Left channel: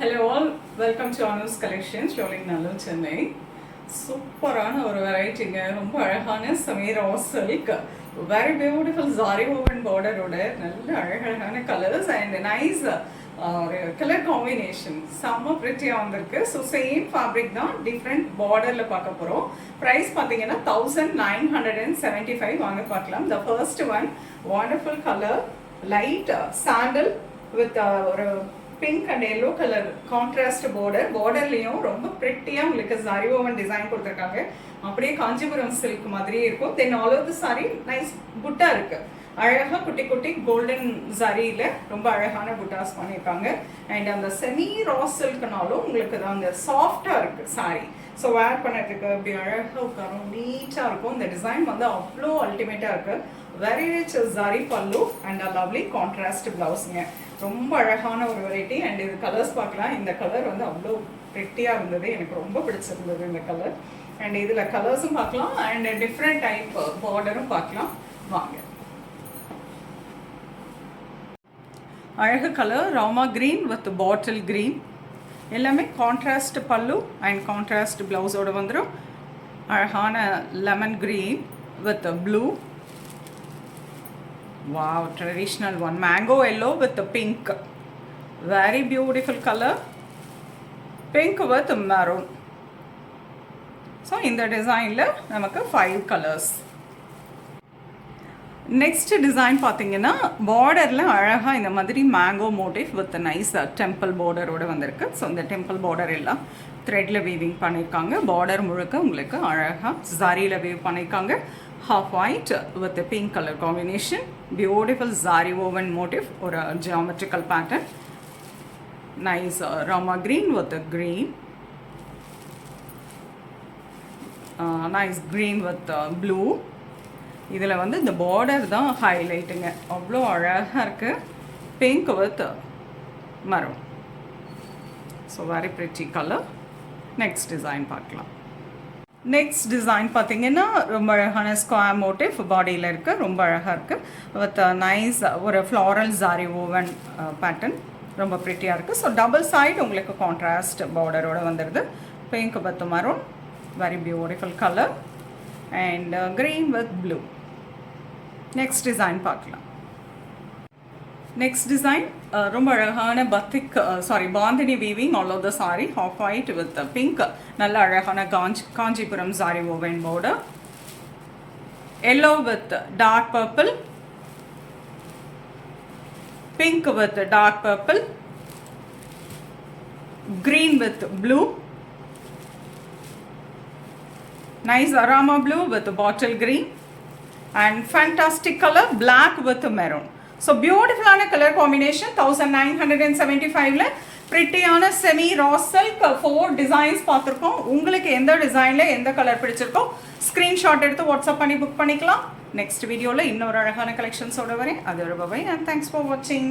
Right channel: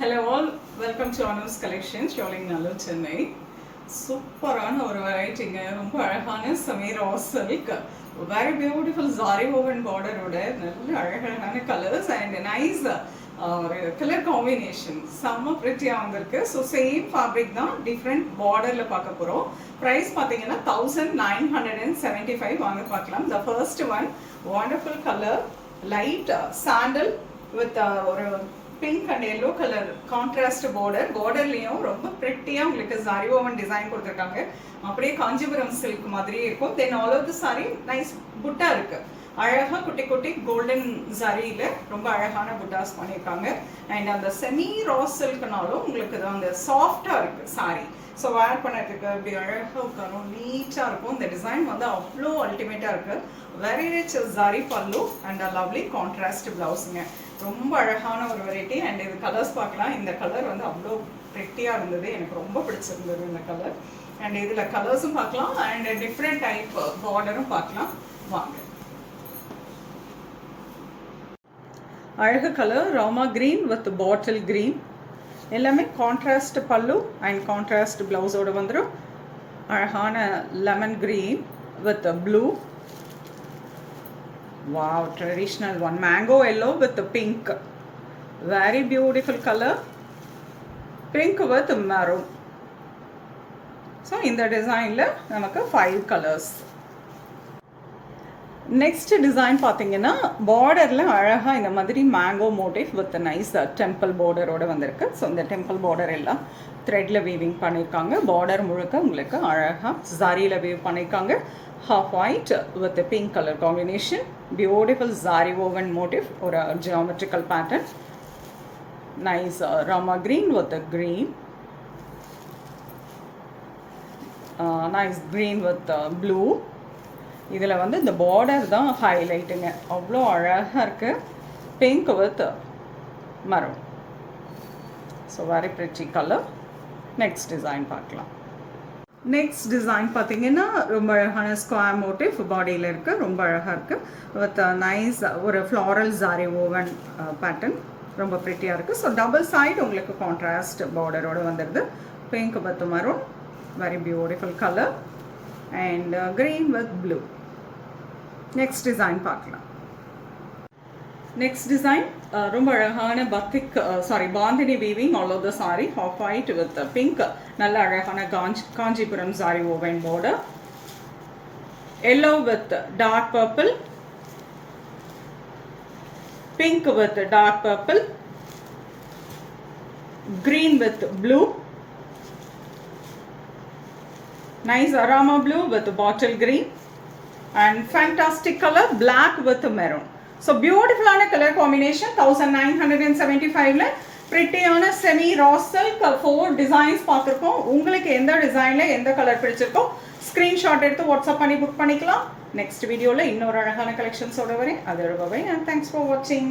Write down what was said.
Hello all, welcome to Anum's collection, showing Nallu Chennai. சூப்பரான ஒரு வெரைட்டிங்க, ரொம்ப அழகான சமீர் silk, very beautiful zari woven பார்டரோட நல்ல அழகழகான கலர்ஸ் அண்ட் நைஸ் ஒரு கலர் காம்பினேஷன் செம்ம ப்ரிட்டியாக வந்திருக்கு. ஸோ சேம் ஃபேப்ரிக் தான், டிஃப்ரெண்ட் பார்டரில் பார்க்க போகிறோம். ப்ரைஸ் பார்த்தீங்கன்னா 1975 வாங்க பார்க்கலாம். The first one wonderful colour, light sandal with ஒரு pink and yellow colour contrast பார்டர்லேயும் ரொம்ப ப்ரிட்டியாக உங்களுக்கு சாரி ஓவன் டிசைன் கொடுத்துருக்காங்க. அப்படியே காஞ்சிபுரம் சில்க் மாதிரியே இருக்கும். Then all over the sari nice புட்டா இருக்கு, அழகாக குட்டி குட்டி கோல்டன் சாரியில் ரொம்ப அழகான புட்டாஸ் பண்ணியிருக்காங்க. அண்ட் அந்த செமி ரா சில்க்னாலும் உங்களுக்கு அந்த சாஃப்டாக இருக்குது சாரி. ஸோ வேர் பண்ணுறதுக்கு இப்படி அழகாக உட்காரும், நீட்டாக இருக்கும். இந்த டிசைன் வந்து அவ்வளோ அல்டிமேட்டாக இருக்குது. வெரி ரிச் சாரி பல்லு அண்ட் லவ்லி கான்ட்ராஸ்ட் ப்ளவுஸுங்க. ரொம்ப அழகான ஒரு வெரைட்டி. அண்ட் இது கலர்ஸ் பார்க்கலாம். இந்த கலர் வந்து அவ்வளோ ப்ரிட்டியாக இருந்தது, எனக்கு ரொம்ப பிடிச்சிருந்தது இந்த கலர். அண்ட் இதில் கலர்ஸும் பார்க்கலாம் அண்ட் டிஃப்ரெண்ட் டைப் பார்டரும் பார்க்கலாம் வாங்க. அழகு colour Rama green with bottle green, எல்லாமே கான்ட்ராஸ்ட் பல்லு அண்ட் கான்ட்ராஸ்ட் ப்ளவுஸோடு வந்துடும். அழகான lemon green with blue, wow, traditional one, mango yellow with the pink, very beautiful color, pink with maroon. So in the design la namakku 5 colors. Next design பாத்தீங்கன்னா பார்டர்ல அழகா இந்த மாதிரி mango motif with nice temple பார்டரோட வந்திருக்கு. ஸோ இந்த temple border எல்லாம் த்ரெட்ல வீவிங் பண்ணியிருக்காங்க. பார்டர் முழுக்க உங்களுக்கு அழகா ஜாரியில் வீவ் பண்ணியிருக்காங்க. Half white with a pink color combination, beautiful zari woven motif or a geometrical pattern. Nice rama green with a green, nice green with blue. இதில் வந்து இந்த பார்டர் தான் ஹைலைட்டுங்க, அவ்வளோ அழகாக இருக்குது. Pink with maroon, so very pretty colour. Next design பார்க்கலாம். Next design பார்த்தீங்கன்னா ரொம்ப அழகான ஸ்கொயர் மோட்டிவ் பாடியில் இருக்குது, ரொம்ப அழகாக இருக்குது. வித் நைஸ் ஒரு ஃப்ளாரல் ஜாரி ஓவன் பேட்டர்ன், ரொம்ப ப்ரிட்டியாக இருக்குது. ஸோ டபுள் சைடு உங்களுக்கு கான்ட்ராஸ்ட் பார்டரோடு வந்துடுது. Pink with maroon, very beautiful colour and green with blue. Next design பார்க்கலாம். நெக்ஸ்ட் டிசைன் ரொம்ப அழகான batik bandhani weaving all over the sari, off white with pink, நல்ல அழகான Kanchipuram sari woven border, yellow with dark purple, pink with dark purple, green with blue, nice arama blue with bottle green and fantastic color black with maroon. So beautiful color combination. 1975 la pretty ana semi raw silk 4 designs paathirukom. உங்களுக்கு எந்த டிசைன்ல எந்த colour பிடிச்சிருக்கோ screenshot எடுத்து WhatsApp பண்ணி book பண்ணிக்கலாம். Next வீடியோல இன்னொரு அழகான கலெக்ஷன்ஸோட வரேன். அதோட by, and thanks for watching.